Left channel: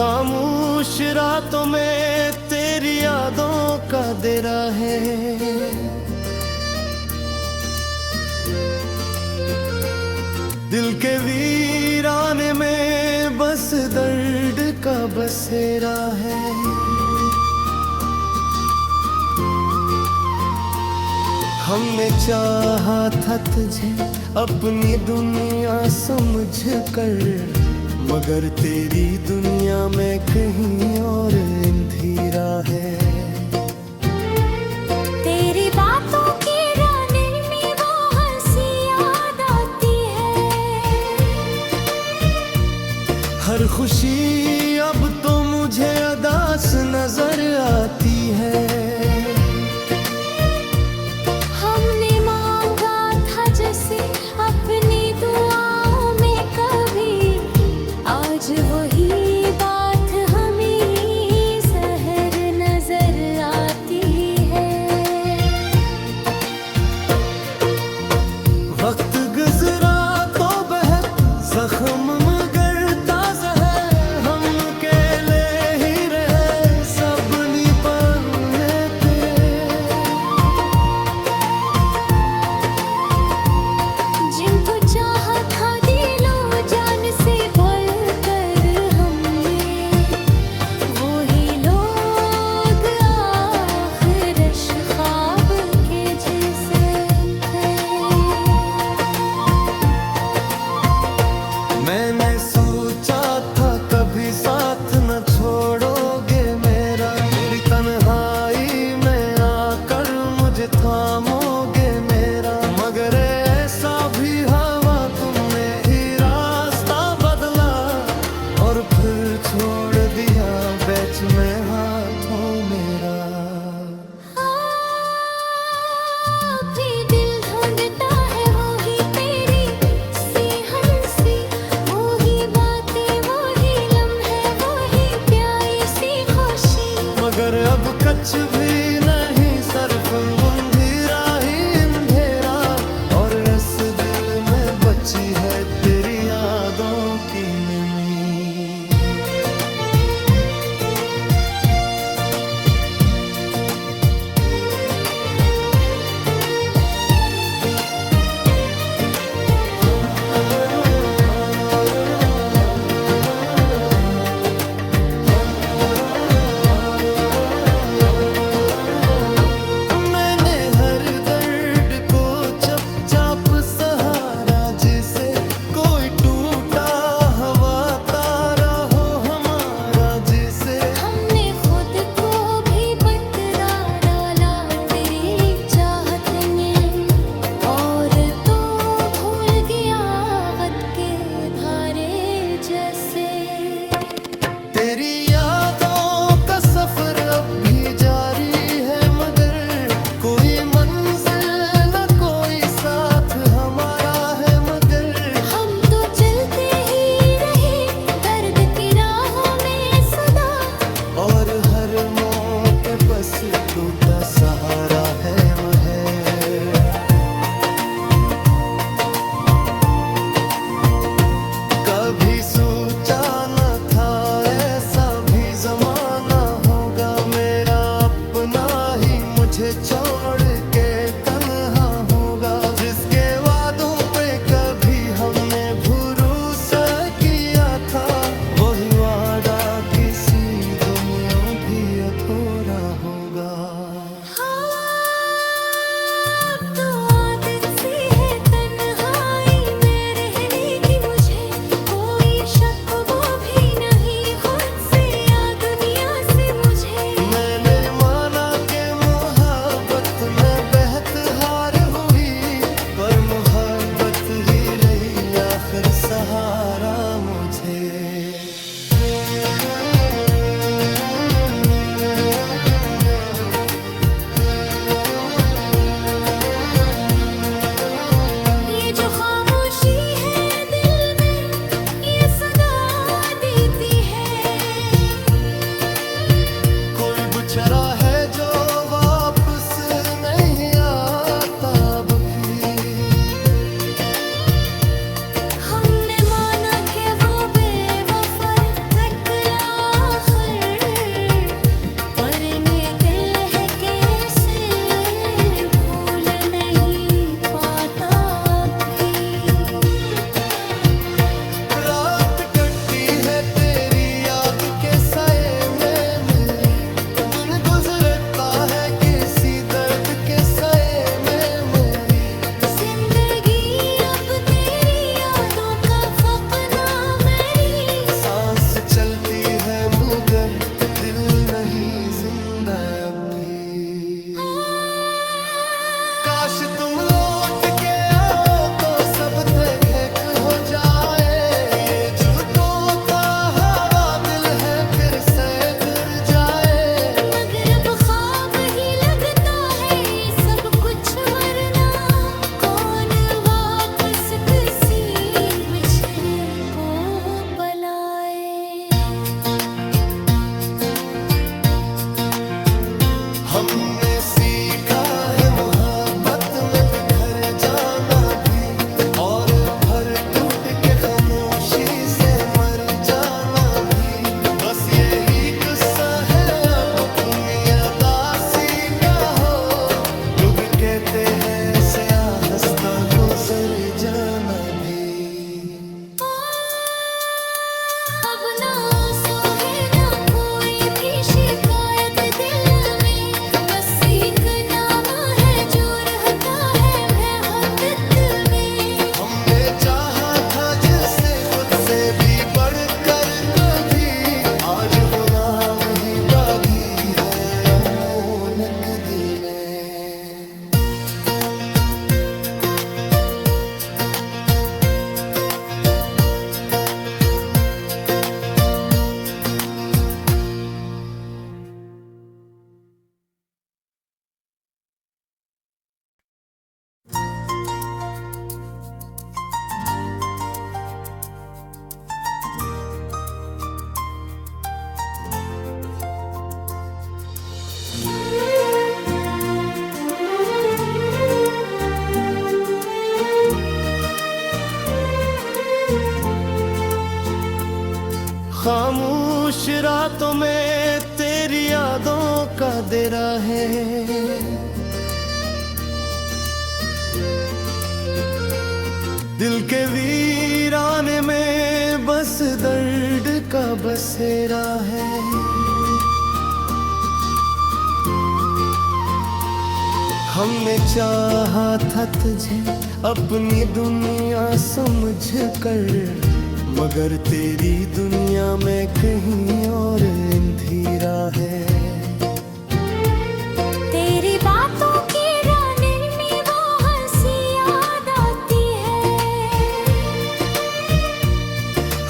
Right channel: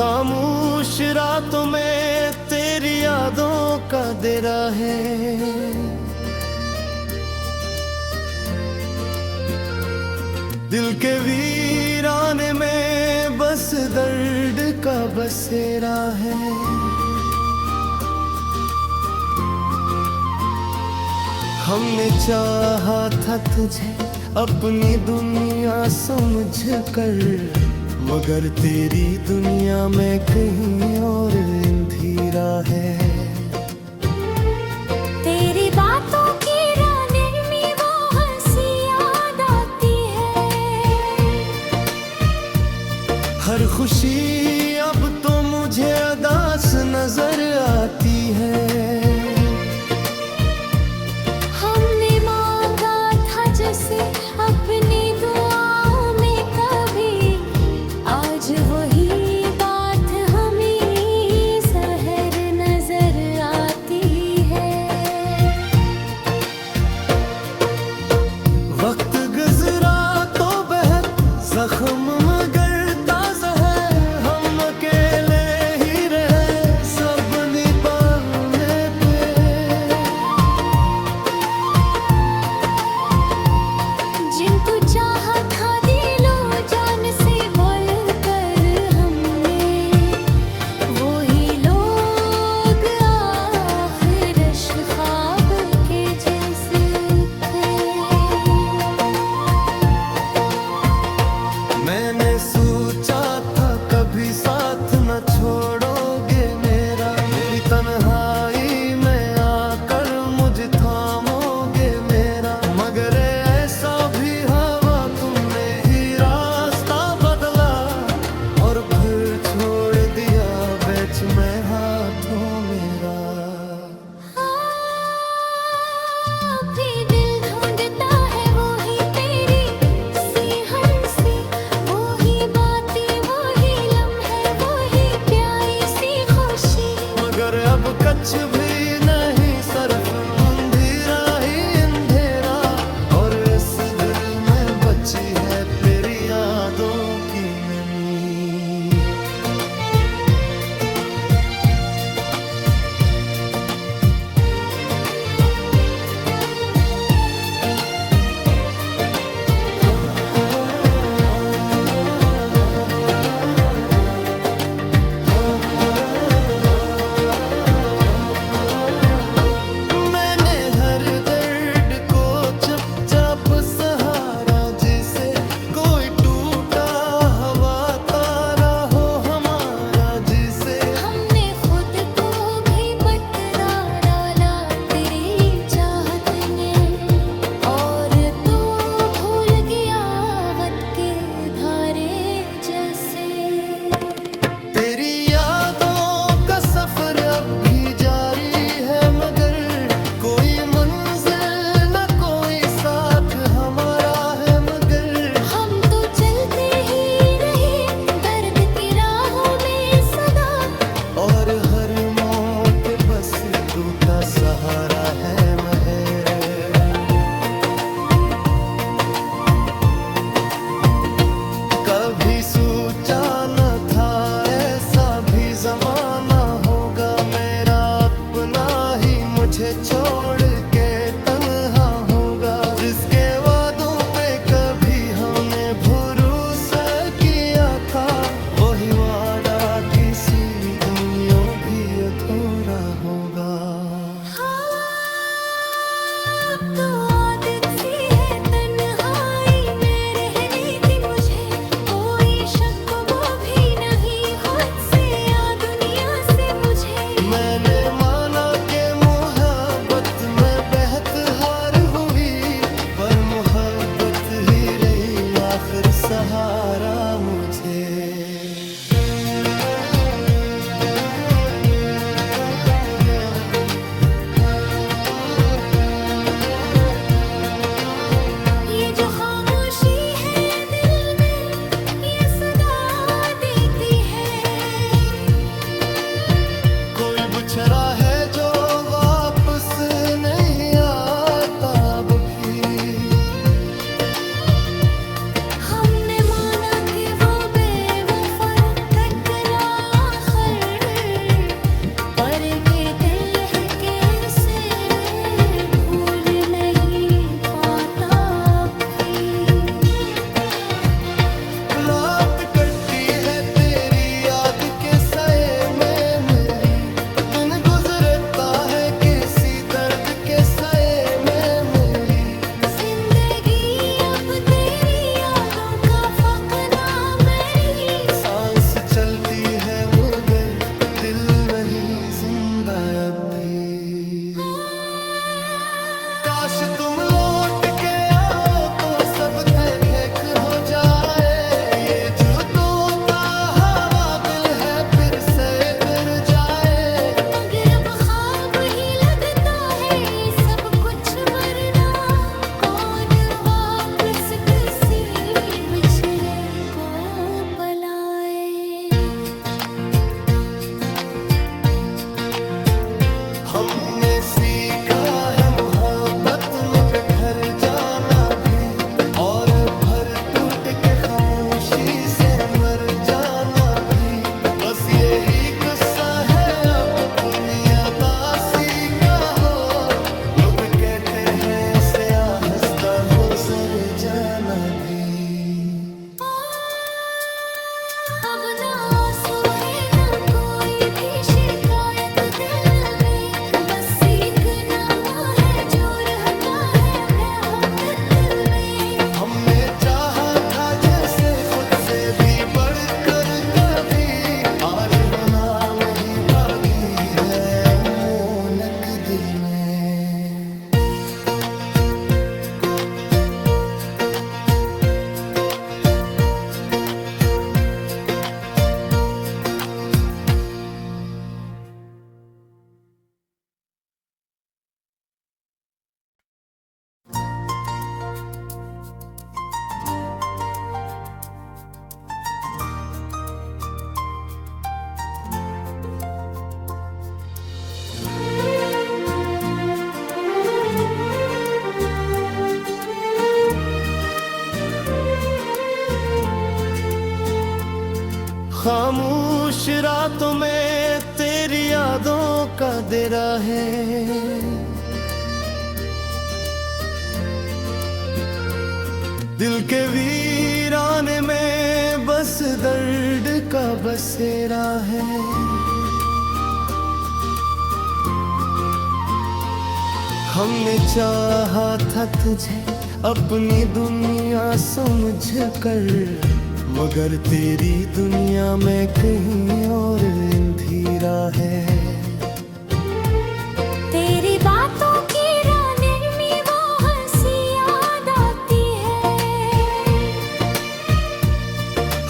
खामोश रातों में तेरी यादों का डेरा है। दिल के वीराने में बस दर्द का बसेरा है। हमने चाहा था तुझे अपनी दुनिया समझ कर, मगर तेरी दुनिया में कहीं और अंधेरा है। तेरी बातों की राने में वो हंसी याद आती है। हर खुशी अब तो मुझे उदास नजर आती है। हमने मांगा था जैसे अपनी दुआओं में कभी, आज वही बात हमें सहर नजर आती है। वक्त गुजरा तो बहुत जख्म मगर ताजा है। हम अकेले ही रहे सब निभाने थे। जिनको चाहा था दिलो जान से बोलकर हमने, वही लोग आखिर ख्वाब के जैसे थे। मैंने सोचा था कभी साथ न छोड़ोगे मेरा, मेरी तन्हाई में आकर मुझे थामोगे मेरा। मगर ऐसा भी हवा तुमने ही रास्ता बदला और फिर छोड़ दिया बीच में हाथों मेरा। भी दिल ढूंढता है वही तेरी सी हंसी, वही बातें वही लम्हे वही प्यारी सी खुशी। मगर अब कुछ भी नहीं सिर्फ अंधेरा ही अंधेरा, और इस दिल में बची है तेरी यादों की नमी। मैंने हर दर्द को चुपचाप सहारा, जिसे कोई टूटा हवा तारा हो हमारा जिसे। हमने खुद को भी बतरा डाला तेरी चाहत ने, और तो भूल गया वक्त के धारे जैसे। तेरी यादों का सफर अब भी जारी है, मगर कोई मंजिल न कोई साथ हमारा है। मगर हम तो चलते ही रहे दर्द की राहों में सदा, और हर मौत बस टूटा सहारा है महे। कभी सोचा न था ऐसा भी जमाना होगा, मेरा अपना ही मुझे छोड़ के तन्हा होगा। जिसके वादों पे कभी हमने भरोसा किया था, वही वादा किसी दुनिया भी अधूरा होगा। अब तो आदत सी है तन्हाई में रहने की मुझे, कोई शक वो भी नहीं खुद से या दुनिया से मुझे। मैंने माना के मोहब्बत में बहत हार हुई, पर मोहब्बत ही रही आखिर सहारा मुझे। ये जो खामोशी है दिल में ये सदा देती है। कोई बुछड़ा है जो वापस नहीं आता अब भी। हमने माना कि वो बेवफा गुजर जाना भी। अब ना आंसू है ना कोई भी शिकायत दिल में, बस एक नाम है जो रहता है बेहद दिल में। हमने चाहा था जिसे खुद से भी बढ़कर कभी, आज वो नाम ही बागी है अमोनक दिल में। खामोश रातों में तेरी यादों का डेरा है, दिल के वीराने में बस दर्द का बसेरा है। हमने चाहा था तुझे अपनी दुनिया समझ कर, मगर तेरी दुनिया में कहीं और अंधेरा है। तेरी बातों की रानी में वो हंसी याद आती है,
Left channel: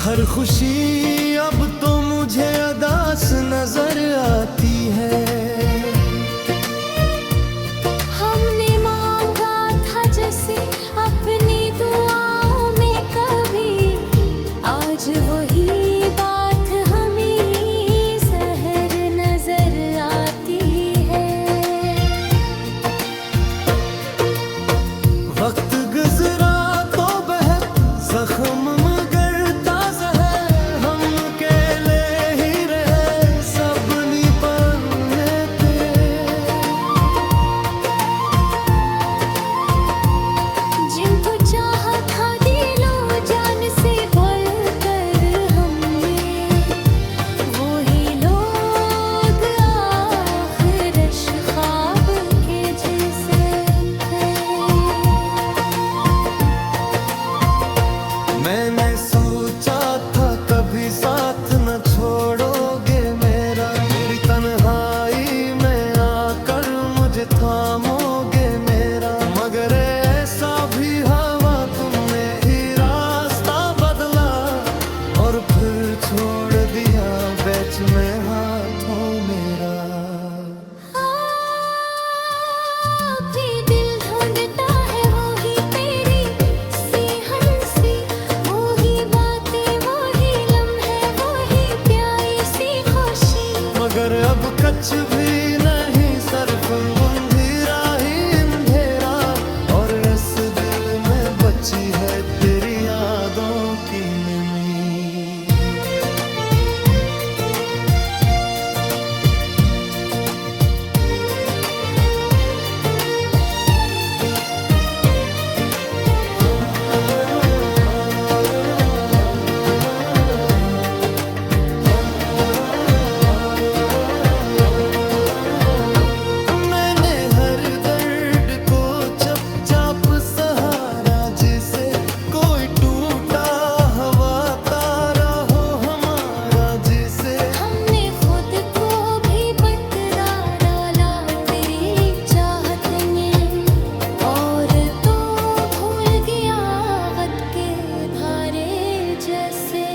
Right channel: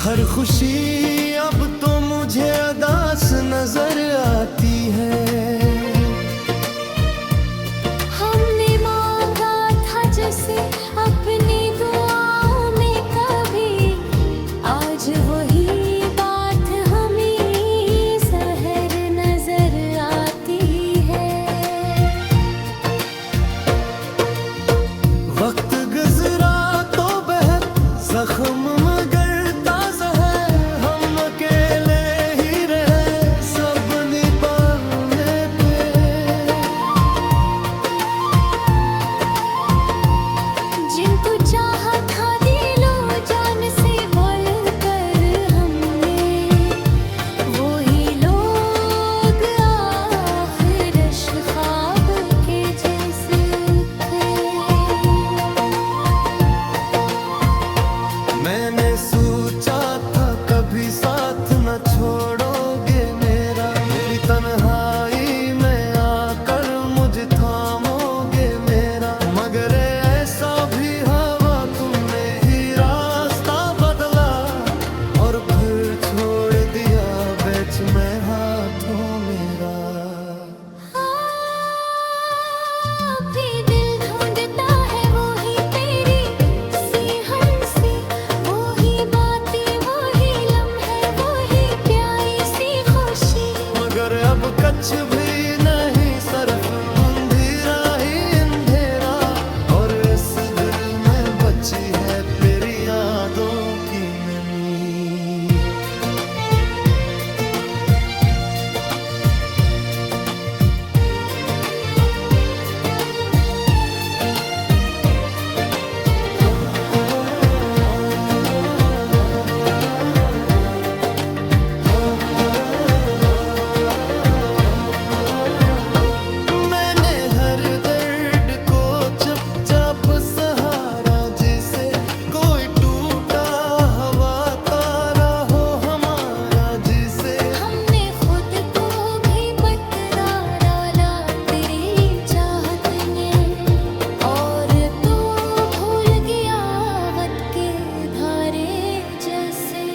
हर खुशी अब तो मुझे अदास नजर आती है। हमने मांगा था जैसे अपनी दुआओं में कभी, आज वही बात हमें सहर नजर आती है। वक्त गुजरा तो बहुत जख्म मगर ताजा है, हम अकेले ही रहे सब निभाने थे। जिनको चाहा था दिलो जान से बोल कर हमने, वही लोग आखिर ख्वाब के जैसे थे। मैंने सोचा था कभी साथ न छोड़ोगे मेरा, मेरी तन्हाई में आकर मुझे थामोगे मेरा, मगर ऐसा भी हवा तुमने ही रास्ता बदला और फिर छोड़ दिया बीच में हाथों मेरा। भी दिल ढूंढता है वही तेरी सी हंसी, वही बातें वही लम्हे वही प्यारी सी खुशी, मगर अब कुछ भी नहीं सिर्फ अंधेरा ही अंधेरा, और इस दिल में बची है तेरी यादों की नमी। मैंने हर दर्द को चुपचाप सहारा, जिसे कोई टूटा हवा तारा हो हमारा, जिसे हमने खुद को भी बतरा डाला तेरी चाहत ने, और तो भूल गया वक्त के धारे जैसे।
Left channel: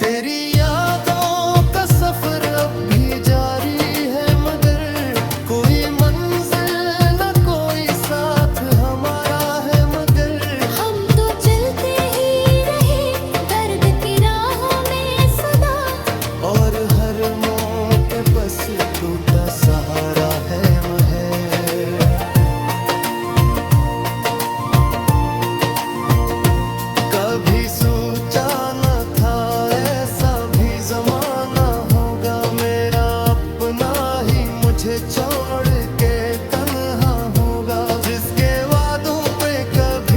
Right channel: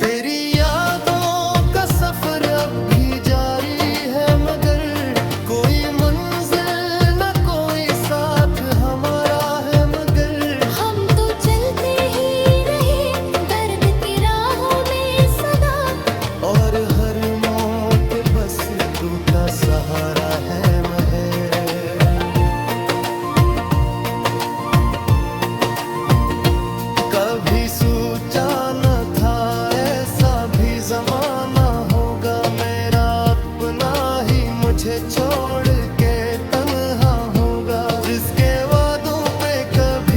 तेरी यादों का सफर अब भी जारी है, मगर कोई मंजिल न कोई साथ हमारा है, मगर हम तो चलते ही रहे दर्द की राहों में सदा, और हर मौके बस टूटा सहारा है महर। कभी सोचा न था ऐसा भी जमाना होगा, मेरा अपना ही मुझे छोड़ के तन्हा होगा, जिसके वादों पे कभी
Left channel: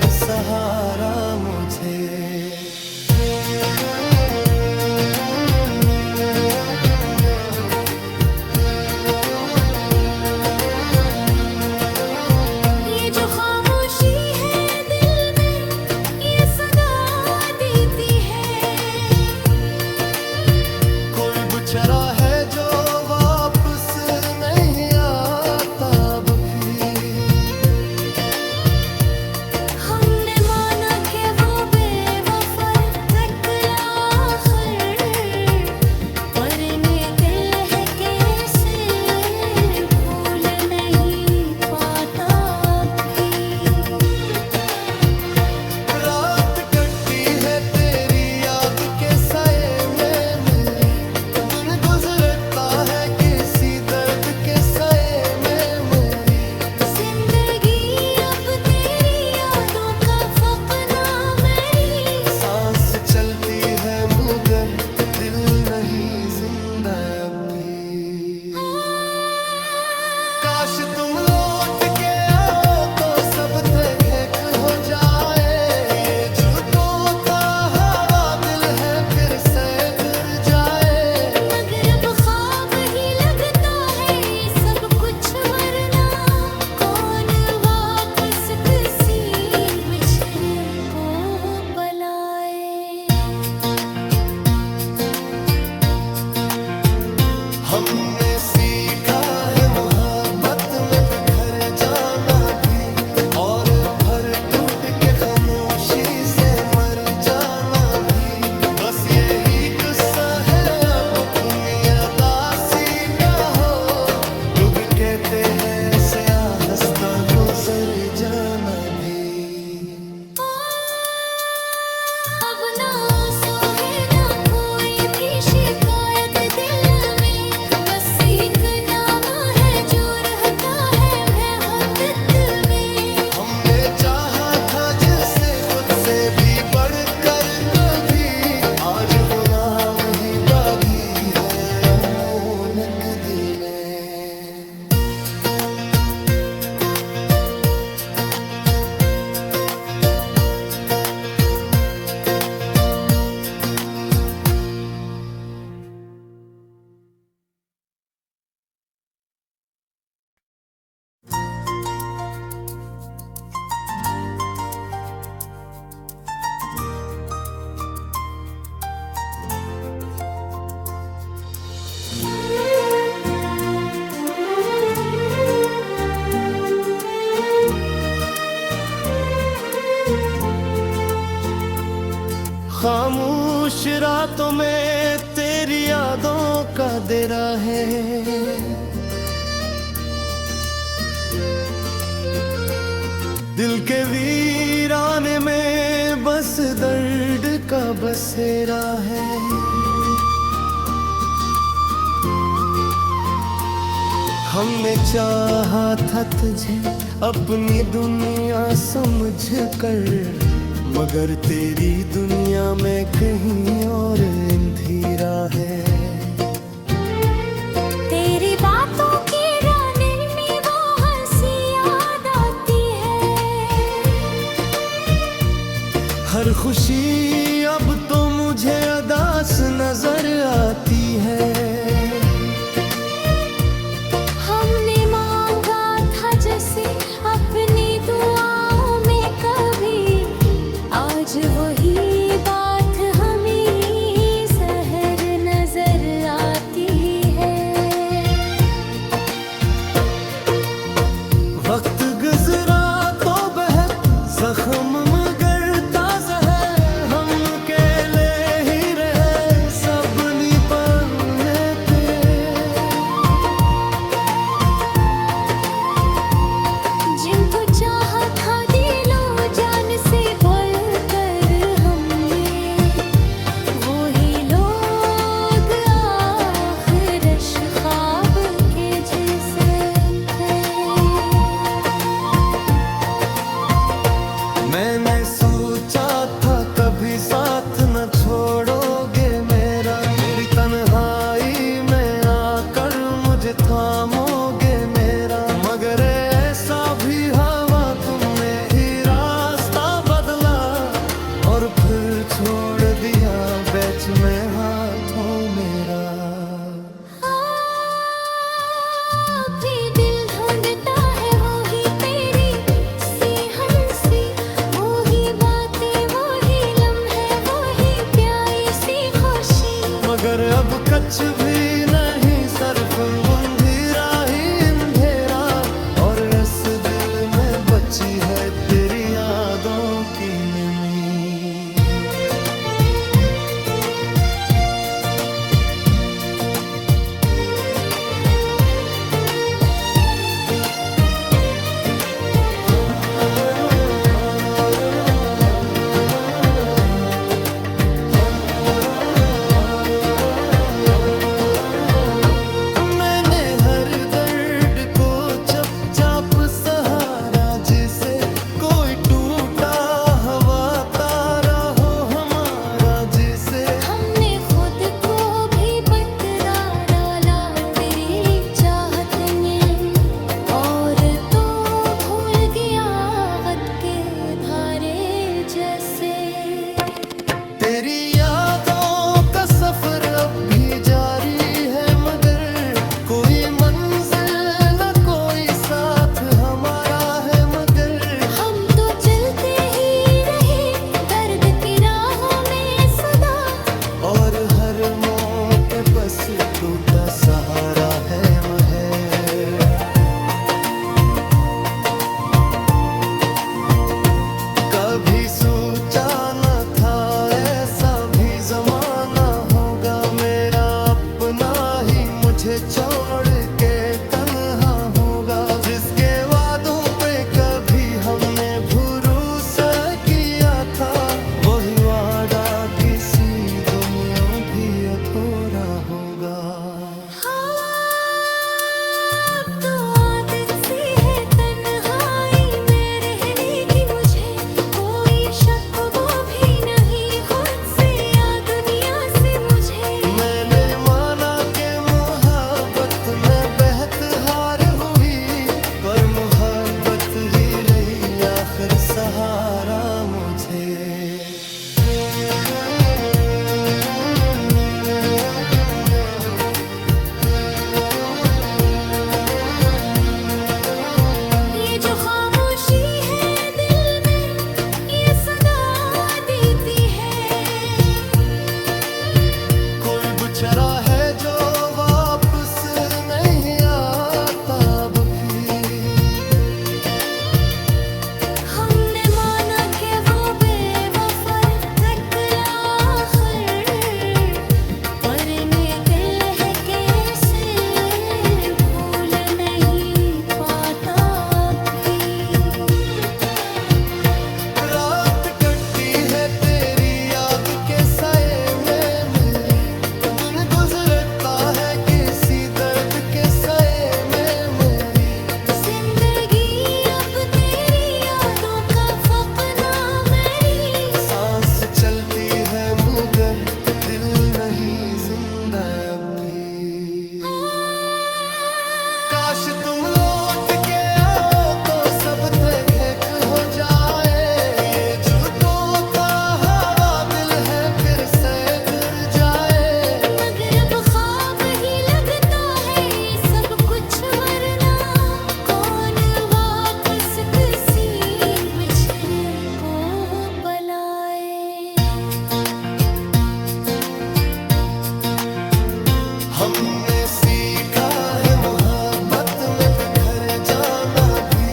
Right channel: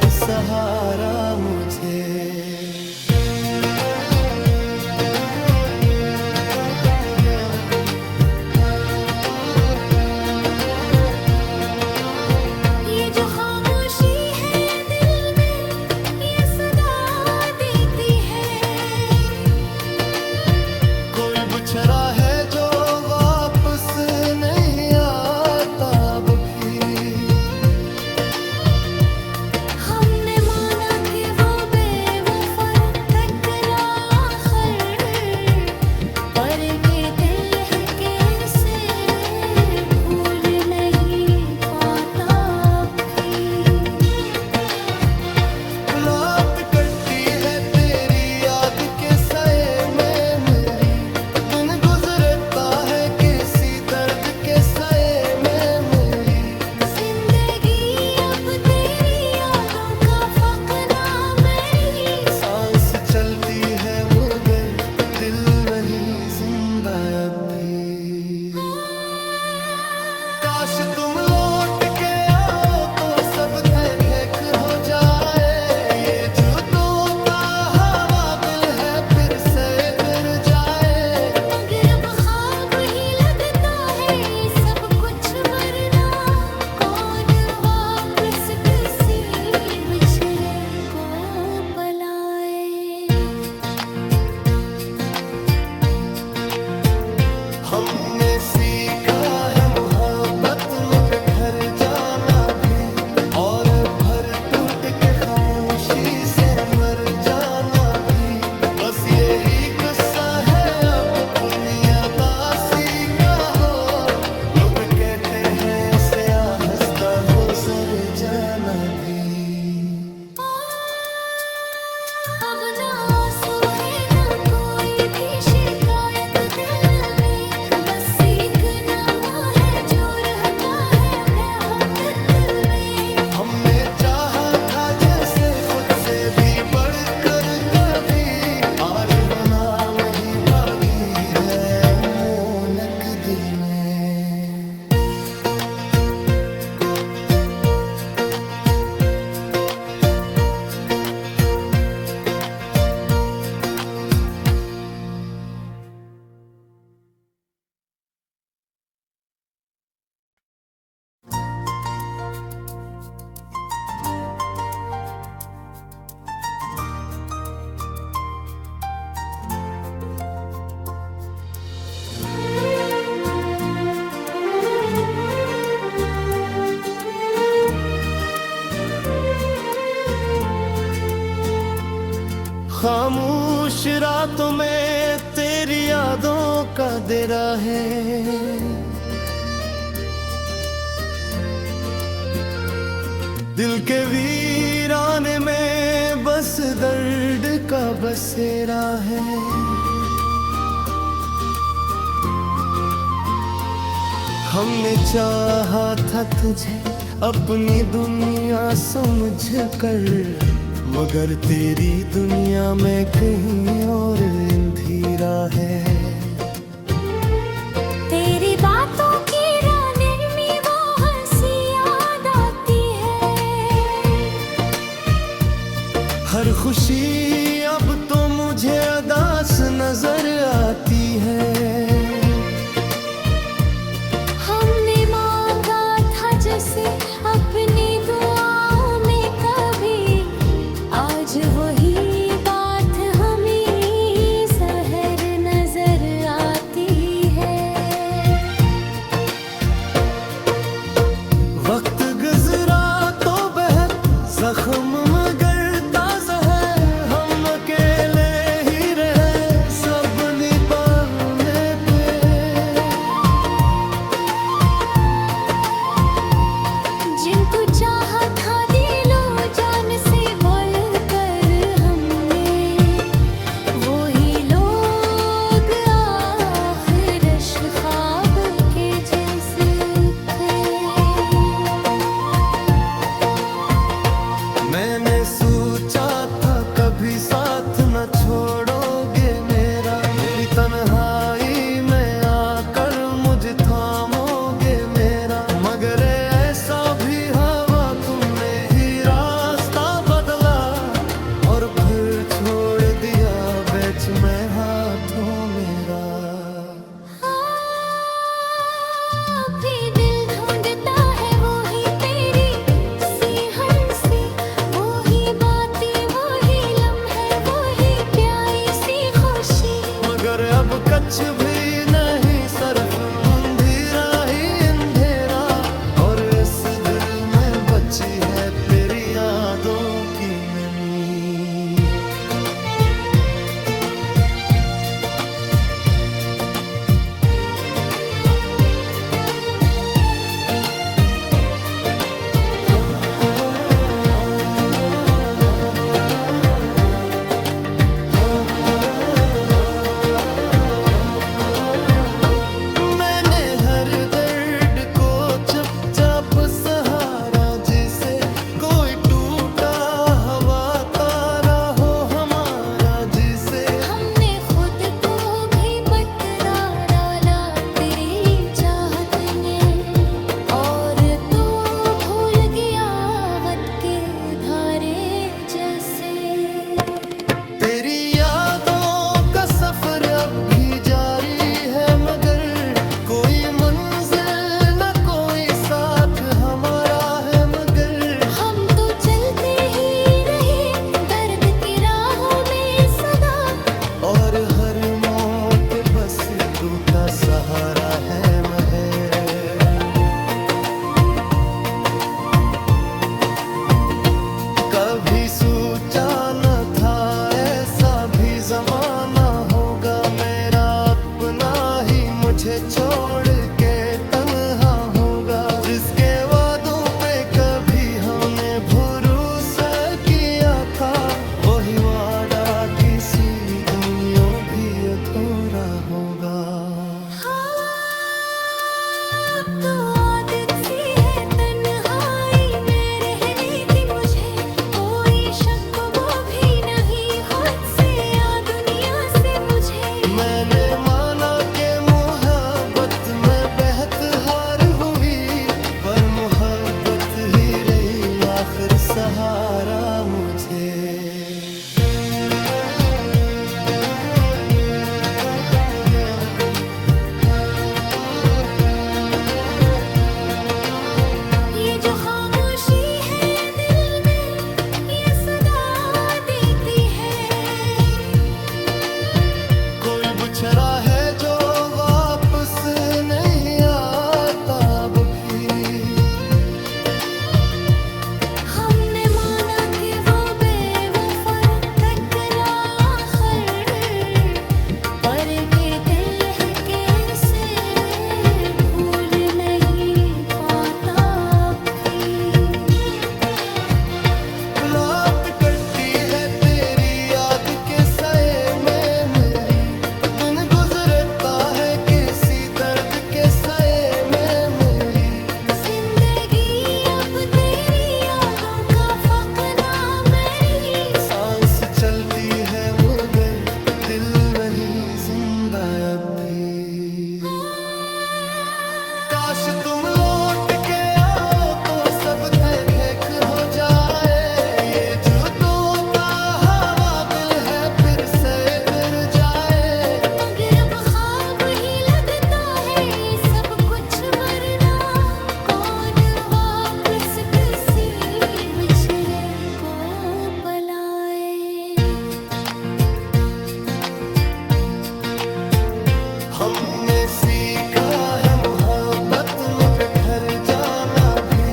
कर सहारा मुझे। ये जो खामोशी है दिल में, ये सदा देती है। कोई बेचारा है जो वापस नहीं आता अब भी। हमने माना कि वो बेवफा टकला आखिर, पर ये दिल है कैसे भूल नहीं पाता अब भी। रात कटती है तेरी याद के साए में मेरी, दिन गुजरता है किसी दर्द के साए में मेरी। जिंदगी अब तेरी यादों का फकना मेरी। सांस चलती है मगर दिल नहीं जिंदा अब भी। काश तुम लौट के आओ तो सब ठेक हो जाए। ये जुदों का हवा दिल है फिर से कर जाए। मगर अब ख्वाब ही लगता है ये सब कुछ, वरना कौन वापस किसी बिछड़े को बुलाए। हमने सीखा है मोहब्बत में बिखर जाना भी, और भर टूट के खामोशी से मर जाना भी। बस यही किस्सा है अब अपनी अदासी का हो। लोग कहते हैं ऐसे हंसता गुजर जाना भी। अब ना आंसू है ना कोई भी शिकायत दिल में, बस एक नाम है जो रहता है बेहद दिल में। हमने चाहा था जिसे खुद से भी बढ़कर कभी, आज वो नाम ही बागी है अमोनक दिल में। खामोश रातों में तेरी यादों का डेरा है। दिल के वीराने में बस दर्द का बसेरा है। हमने चाहा था तुझे अपनी दुनिया समझ कर, मगर तेरी दुनिया में कहीं और अंधेरा है। तेरी बातों की रानी में वो हंसी याद आती है। हर खुशी अब तो मुझे अदास नजर आती है। हमने मांगा था जैसे अपनी दुआओं में कभी, आज वही बात हमें सहर नजर आती है। वक्त गुजरा तो बहुत जख्म मगर ताजा है। हम अकेले ही रहे सब निभाने थे। जिनको चाहा था दिलो जान से बोल कर हमने, वही लोग आखिर ख्वाब के जैसे थे। मैंने कछ भी नहीं सिर्फ अंधेरा ही अंधेरा, और इस दिल में बची है तेरी यादों की नमी। मैंने हर दर्द को चुपचाप सहारा, जिसे कोई टूटा हवा तारा हो हमारा, जिसे हमने खुद को भी बतरा डाला तेरी चाहत में, और तो भूल गया वक्त के धारे जैसे। तेरी यादों का सफर अब भी जारी है, मगर कोई मंजिल न कोई साथ हमारा है, मगर हम तो चलते ही रहे दर्द की राहों में सदा, और हर मौके बस टूटा सहारा है महर। कभी सोचा न था ऐसा भी जमाना होगा, मेरा अपना ही मुझे छोड़ के तन्हा होगा, जिसके वादों पे कभी हमने भरोसा किया था, वही वादा किसी दुनिया भी अधूरा होगा। अब तो आदत सी है तन्हाई में रहने की मुझे, कोई शक वो भी नहीं खुद से या दुनिया से मुझे। मैंने माना कि मोहब्बत में बहत हार हुई, पर मोहब्बत ही रही आखिर सहारा मुझे। ये जो खामोशी है दिल में, ये सदा देती है। कोई बुछड़ा है जो वापस नहीं आता अब भी, हमने माना कि वो बेवफा टकला आखिर, पर ये दिल है कैसे भूल नहीं पाता भी। रात कटती है तेरी याद के साए में मेरी, दिन गुजरता है किसी दर्द के साए में मेरी। जिंदगी अब तेरी यादों का फकना मेरी, सांस चलती है मगर दिल नहीं जिंदा अब भी। काश तुम लौट के आओ तो सब ठीक हो जाए, ये जुदों का हवा दिल है फिर से गिर जाए। मगर अब ख्वाब ही लगता है ये सब कुछ, वरना कौन वापस किसी बिछड़े को बुलाए। हमने सीखा है मोहब्बत में बिखर जाना भी,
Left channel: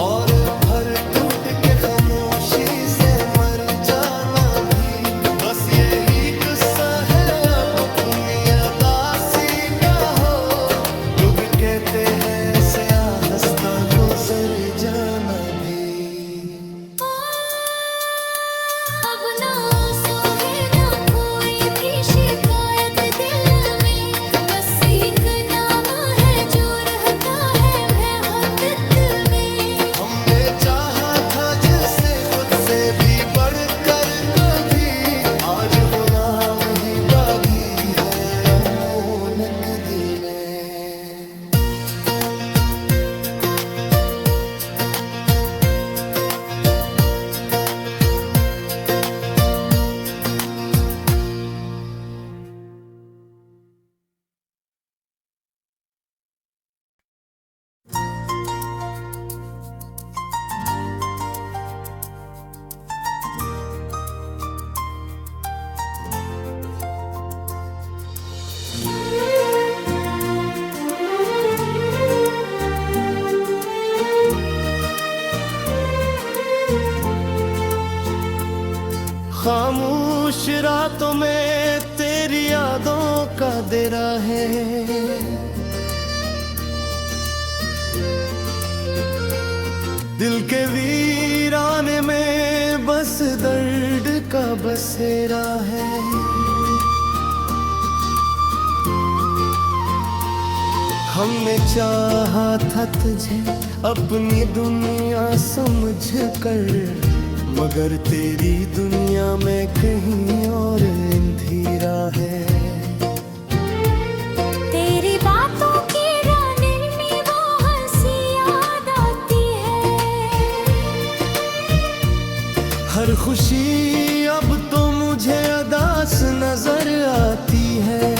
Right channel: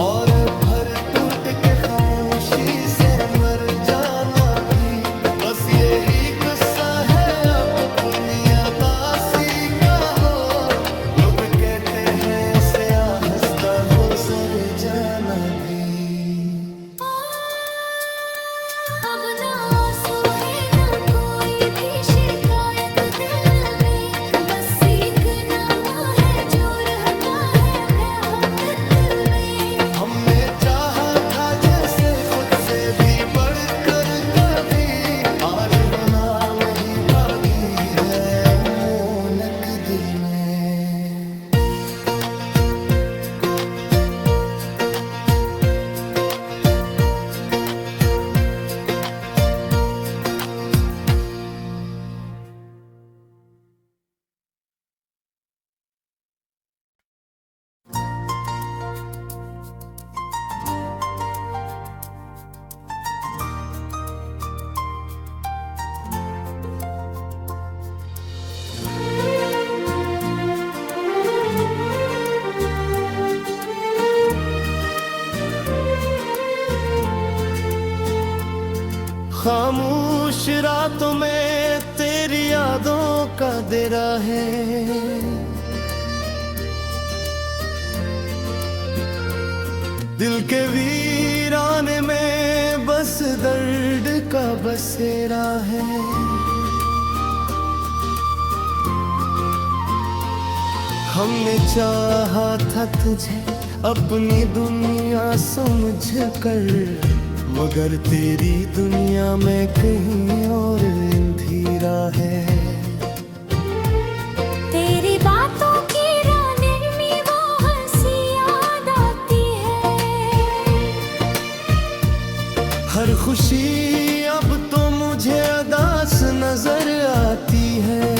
और भर टूट के खामोशी से मर जाना भी। बस यही किस्सा है अब अपनी अदासी का हो, लोग कहते हैं ऐसे हंसता गुजर जाना भी। अब ना आंसू है ना कोई भी शिकायत दिल में, बस एक नाम है जो रहता है बेहद दिल में। हमने चाहा था जिसे खुद से भी बढ़कर कभी, आज वो नाम ही बागी है अमोनक दिल में। खामोश रातों में तेरी यादों का डेरा है। दिल के वीराने में बस दर्द का बसेरा है। हमने चाहा था तुझे अपनी दुनिया समझ कर, मगर तेरी दुनिया में कहीं और अंधेरा है। तेरी बातों की रानी में वो हंसी याद आती है। हर खुशी अब तो मुझे उदास नजर आती है।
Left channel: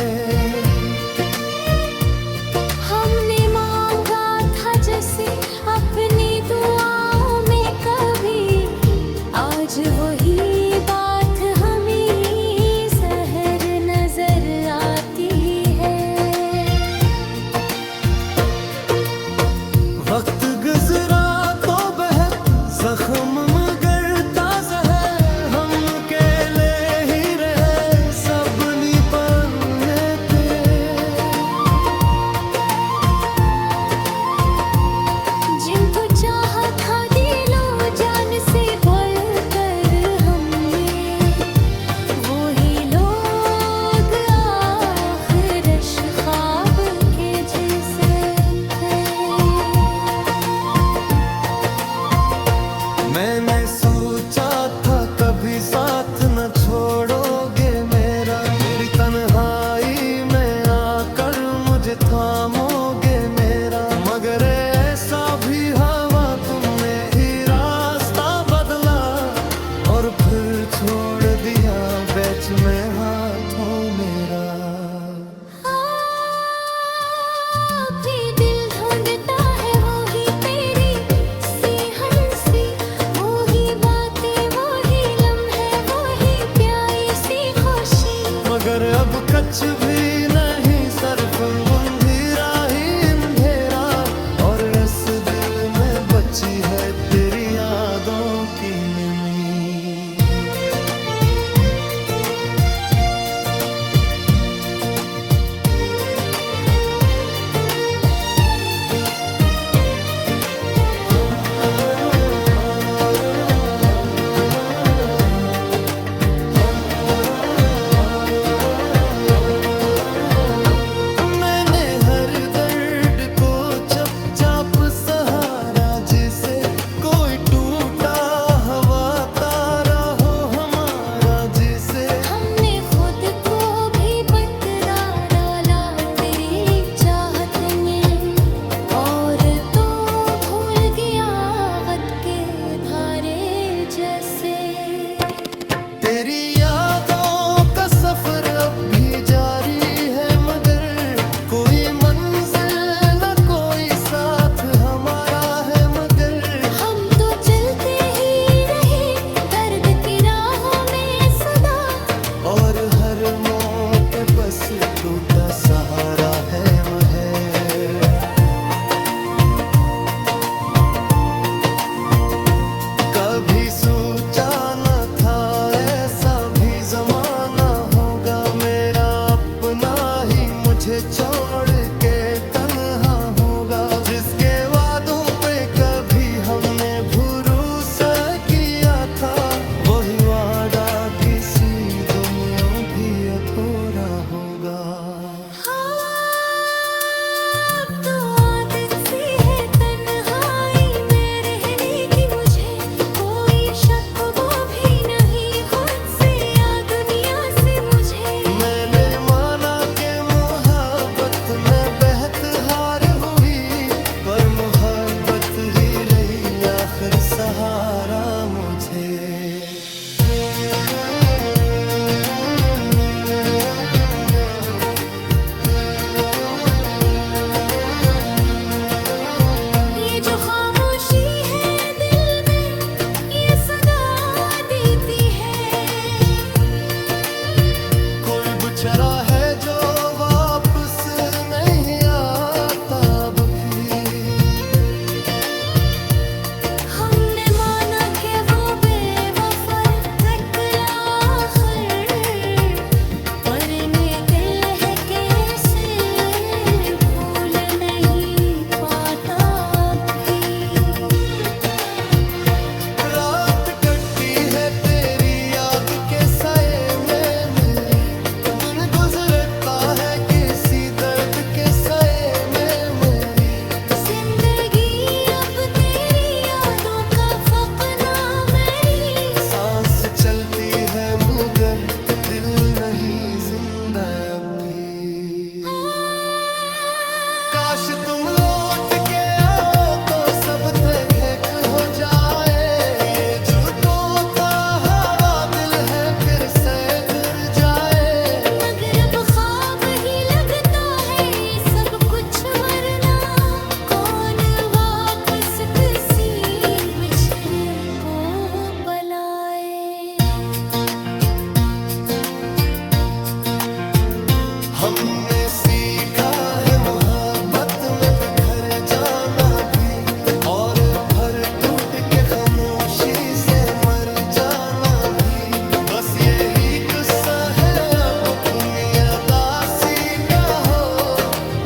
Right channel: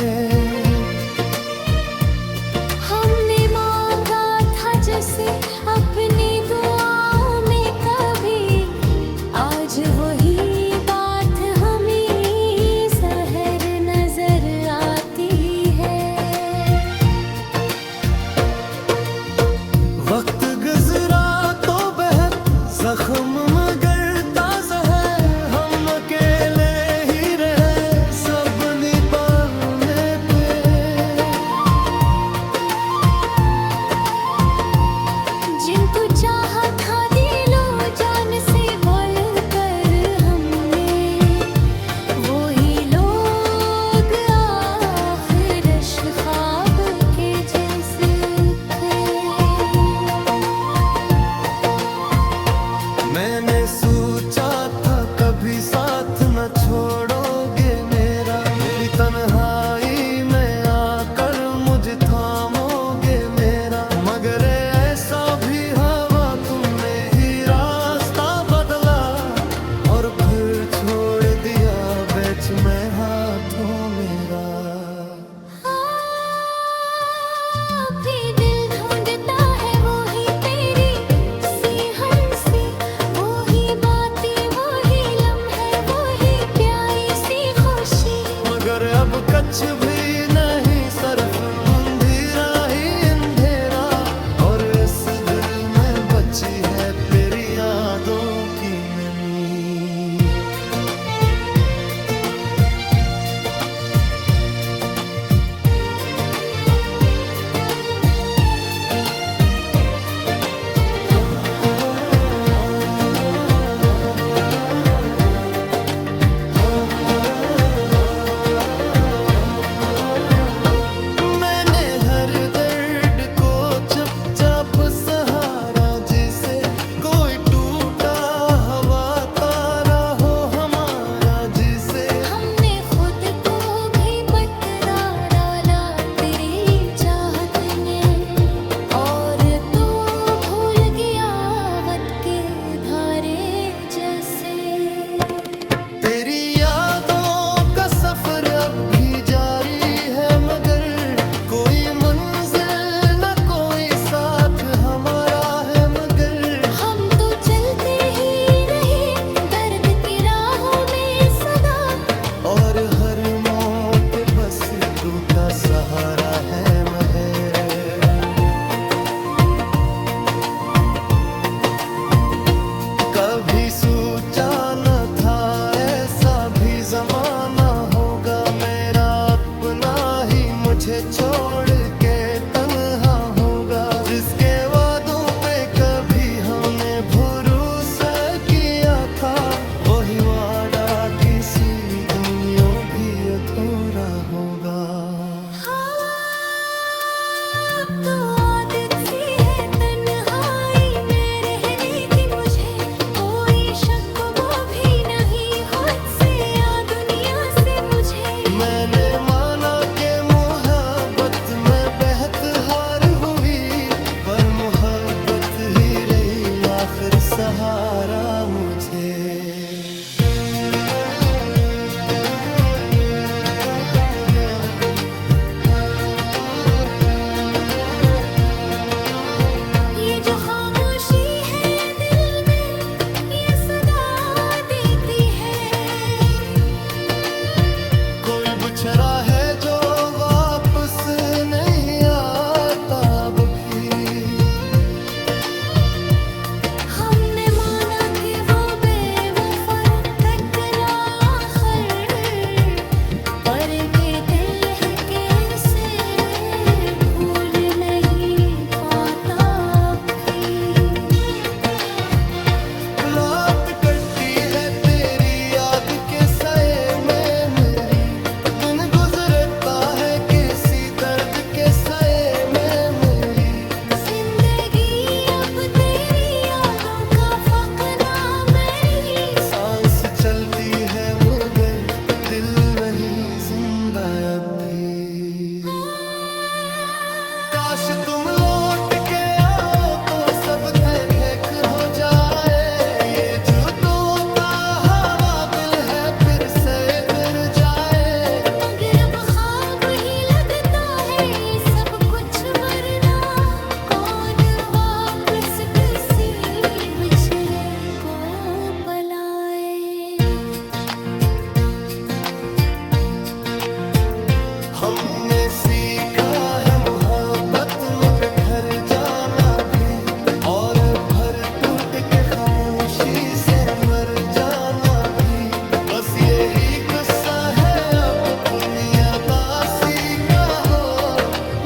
हमने मांगा था जैसे अपनी दुआओं में कभी, आज वही बात हमें सहर नजर आती है। वक्त गुजरा तो बहुत जख्म मगर ताजा है। हम अकेले ही रहे सब निभाने थे। जिनको चाहा था दिलो जान से बोल कर हमने, वही लोग आखिर ख्वाब के जैसे थे। मैंने सोचा था कभी साथ न छोड़ोगे मेरा, मेरी तन्हाई में आकर मुझे थामोगे मेरा। मगर ऐसा भी हवा तुमने ही रास्ता बदला, और फिर छोड़ दिया बीच में हाथों मेरा। भी दिल ढूंढता है वही तेरी सी हंसी, वही बातें वही लम्हे वही प्यारी सी खुशी। मगर अब कच भी नहीं सिर्फ अंधेरा ही अंधेरा, और इस दिल में बची है तेरी यादों की नमी। मैंने हर दर्द को चुपचाप सहारा, जिसे कोई टूटा हवा तारा हो हमारा जिसे। हमने खुद को भी बतरा डाला तेरी चाहत में, और तो भूल गया वक्त के धारे जैसे। तेरी यादों का सफर अब भी जारी है, मगर कोई मंजिल न कोई साथ हमारा है। मगर हम तो चलते ही रहे दर्द की राहों में सदा, और हर मौके बस टूटा सहारा है महे। कभी सोचा न था ऐसा भी जमाना होगा, मेरा अपना ही मुझे छोड़ के तन्हा होगा। जिसके वादों पे कभी हमने भरोसा किया था, वही वादा किसी दुनिया भी अधूरा होगा। अब तो आदत सी है तन्हाई में रहने की मुझे, कोई शक वो भी नहीं खुद से या दुनिया से मुझे। मैंने माना कि मोहब्बत में बहत हार हुई, पर मोहब्बत ही रही आखिर सहारा मुझे। ये जो खामोशी है दिल में ये सदा देती है। कोई बुछड़ा है जो वापस नहीं आता अब भी। हमने माना कि वो बेवफा खामोशी से मर जाना भी बस यही किस्सा है अब अपनी अदासी का हो।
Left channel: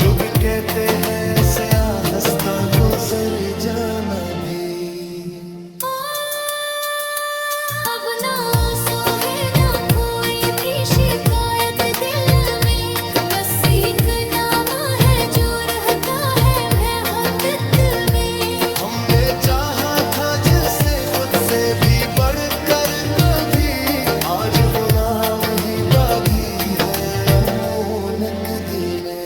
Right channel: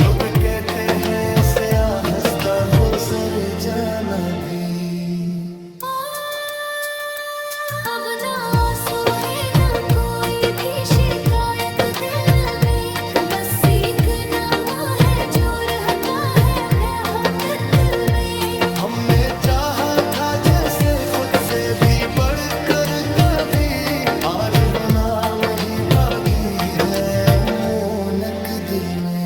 लोग कहते हैं ऐसे हंसता गुजर जाना भी। अब ना आंसू है ना कोई भी शिकायत दिल में, बस एक नाम है जो रहता है महक में। हमने चाहा था जिसे खुद से भी बढ़कर कभी, आज वो नाम ही बागी है अमोनक दिल में।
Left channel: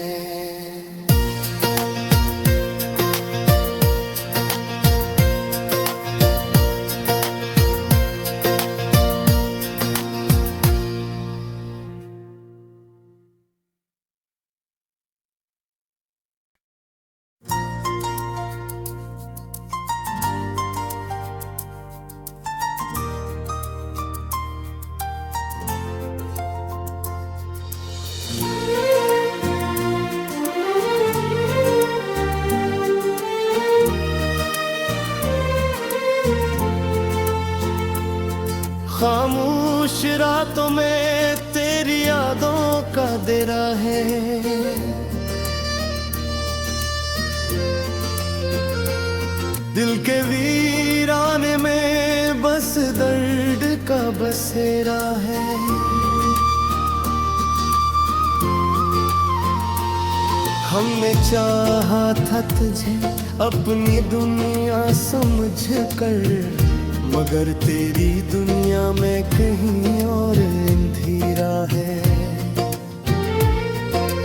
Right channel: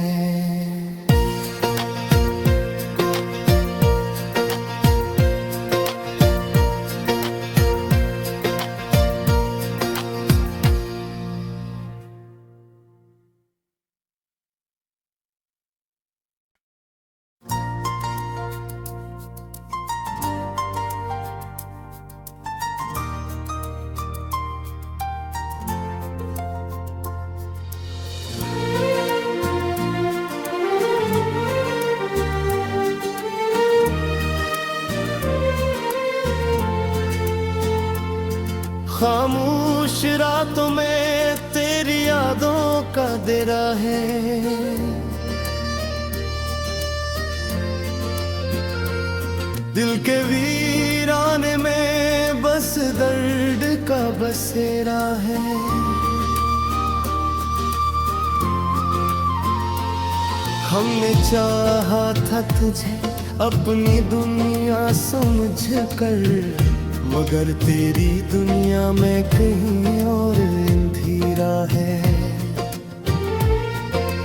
खामोश रातों में तेरी यादों का डेरा है। दिल के वीराने में बस दर्द का बसेरा है। हमने चाहा था तुझे अपनी दुनिया समझ कर, मगर तेरी दुनिया में कहीं और अंधेरा है।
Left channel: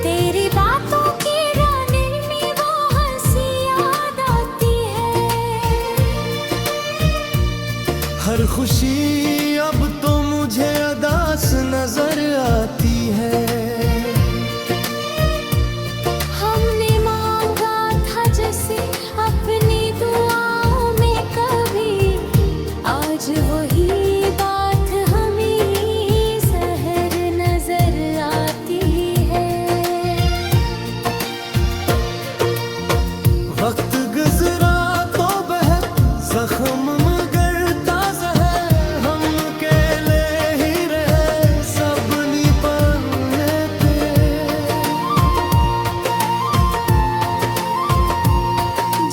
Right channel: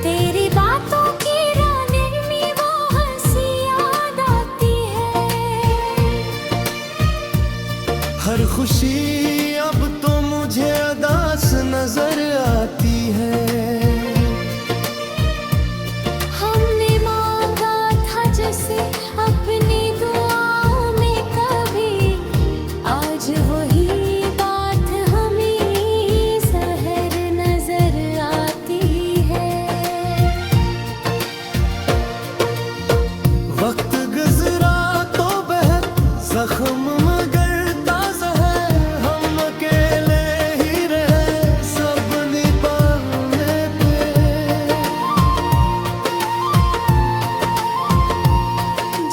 तेरी बातों की रानी में वो हंसी याद आती है। हर खुशी अब तो मुझे अदास नजर आती है। हमने मांगा था जैसे अपनी दुआओं में कभी, आज वही बात हमें सहर नजर आती है। वक्त गुजरा तो बहुत जख्म मगर ताजा है। हम अकेले ही रहे सब निभाने थे।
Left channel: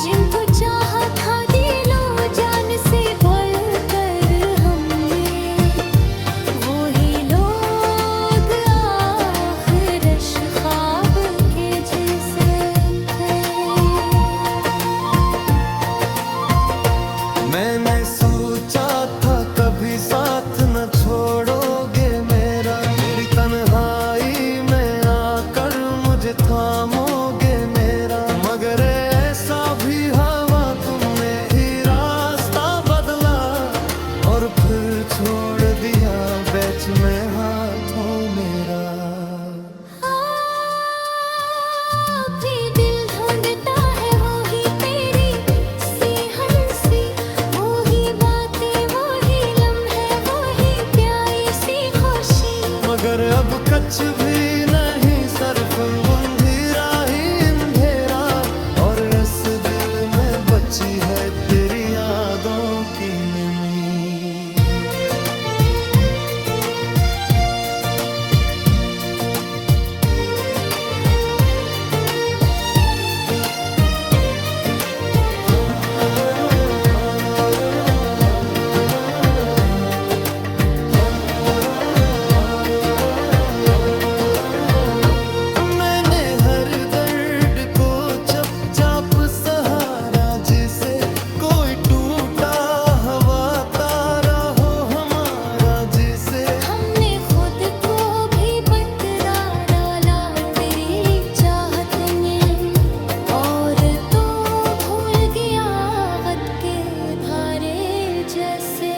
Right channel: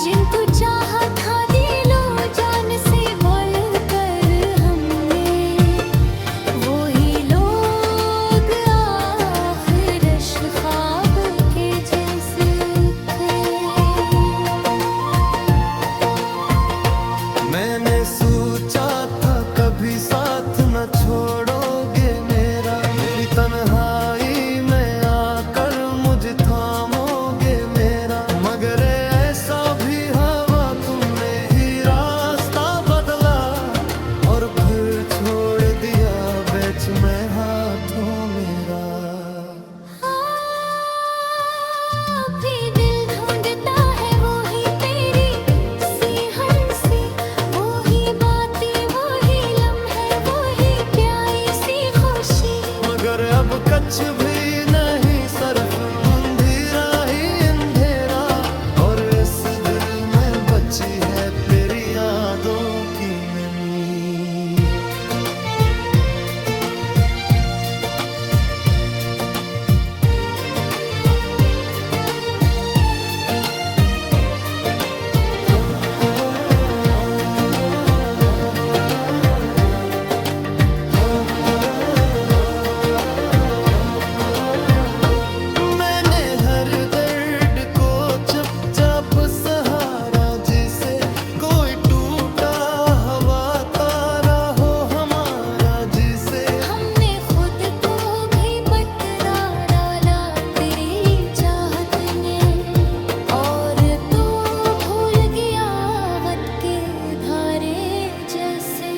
जिनको चाहा था दिलो जान से बढ़कर हमने, वही लोग आखिरश ख्वाब के जैसे थे। मैंने सोचा था कभी साथ न छोड़ोगे मेरा, मेरी तन्हाई में आकर मुझे थामोगे मेरा। मगर ऐसा भी हवा तुमने ही रास्ता बदला और फिर छोड़ दिया बीच में हाथों मेरा। भी दिल ढूंढता है वही तेरी सी हंसी, वही बातें वही लम्हे वही प्यारी सी खुशी। मगर अब कुछ भी नहीं सिर्फ अंधेरा ही अंधेरा, और इस दिल में बची है तेरी यादों की नमी। मैंने हर दर्द को चुपचाप सहारा, जिसे कोई टूटा हवा तारा हो हमारा जिसे। हमने खुद को भी बटरा डाला तेरी चाहत में, और तो भूल गया वक्त के धारे जैसे।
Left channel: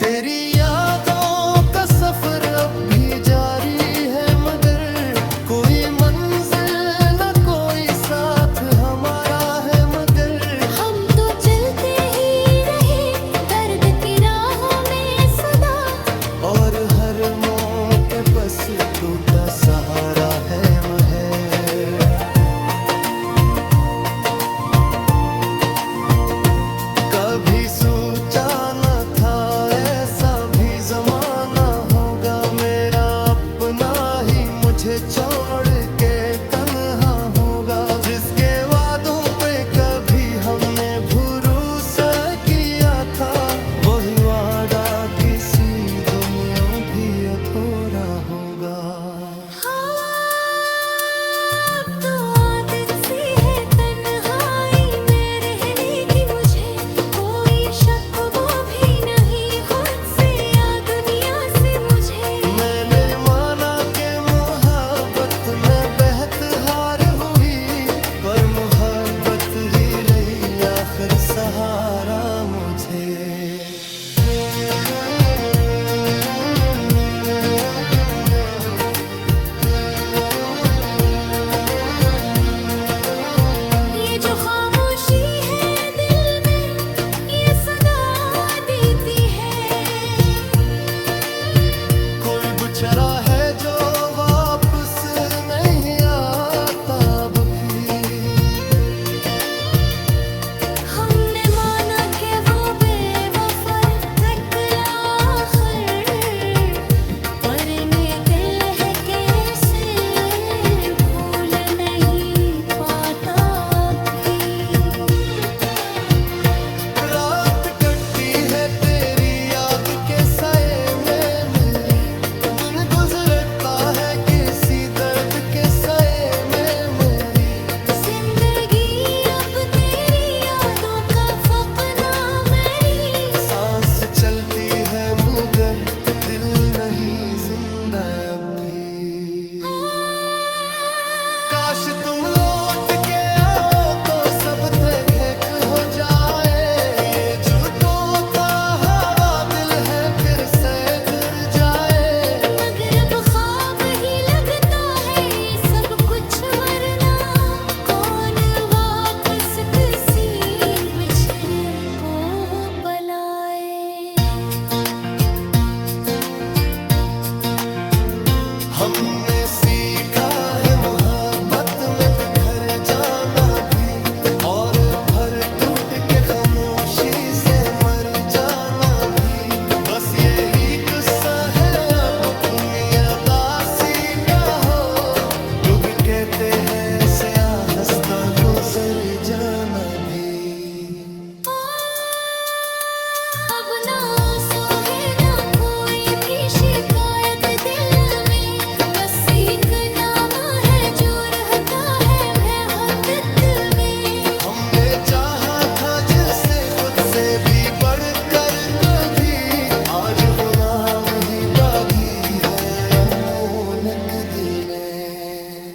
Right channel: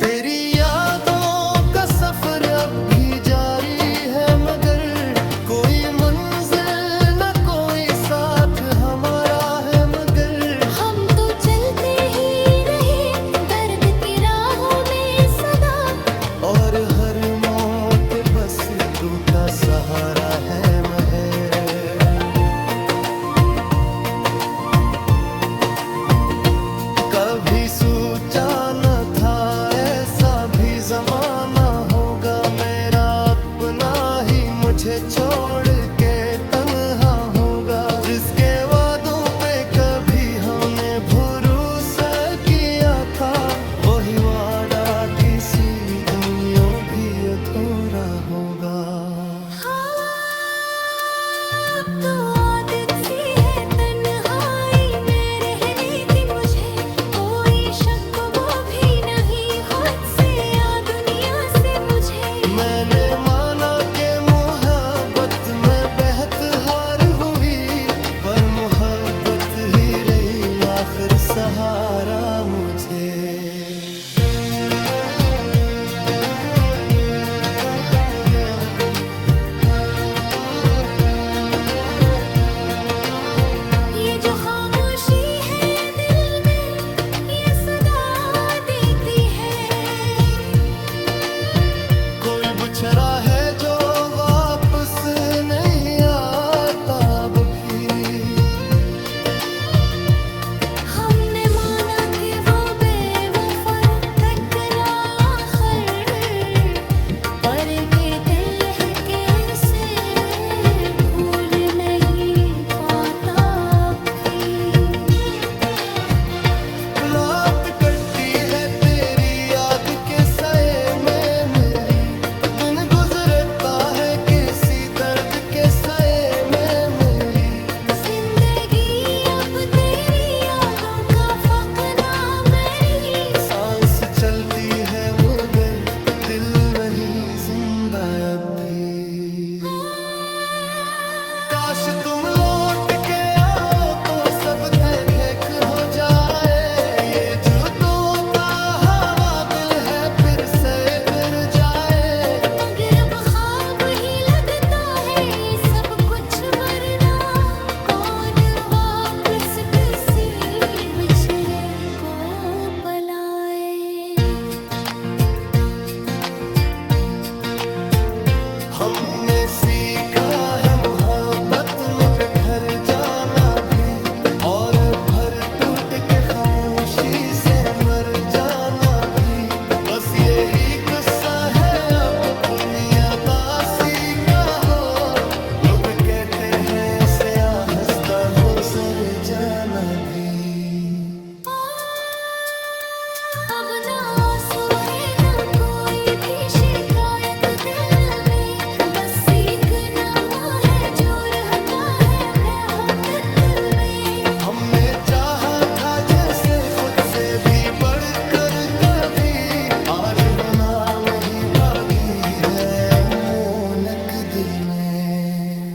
तेरी यादों का सफर अब भी जारी है, मगर कोई मंजिल न कोई साथ हमारा है। मगर हम तो चलते ही रहे दर्द की राहों में सदा, और हर मौत बस टूटा सहारा है महे। कभी से। ये जो खामोशी है दिल में, ये सदा देती है। कोई बुछड़ा है जो वापस नहीं आता अब भी। हमने माना कि वो बेवफा टकला आखिर, पर ये दिल है कैसे भूल नहीं पाता अभी। रात कटती है तेरी याद के साए में मेरी, दिन गुजरता है किसी दर्द के साए में मेरी। जिंदगी अब तेरी यादों का फकना मेरी। सांस चलती है मगर दिल नहीं जिंदा अब भी। काश तुम लौट के आओ तो सब ठेक हो जाए। ये जुदो था हवा दिल है फिर से कर जाए। मगर अब ख्वाब ही लगता है ये सब कुछ, वरना कौन वापस किसी बिछड़े को बुलाए। हमने सीखा है मोहब्बत में बिखर जाना भी, और भर टूट के खामोशी से मर जाना भी। बस यही किस्सा है अब अपनी अदासी का हो। लोग कहते हैं ऐसे आहिस्ता गुजर जाना भी। अब ना आंसू है ना कोई भी शिकायत दिल में, बस एक नाम है जो रहता है मोहब्बत में। हमने चाहा था जिसे खुद से भी बढ़कर कभी, आज वो नाम ही बागी है अमोनक दिल में।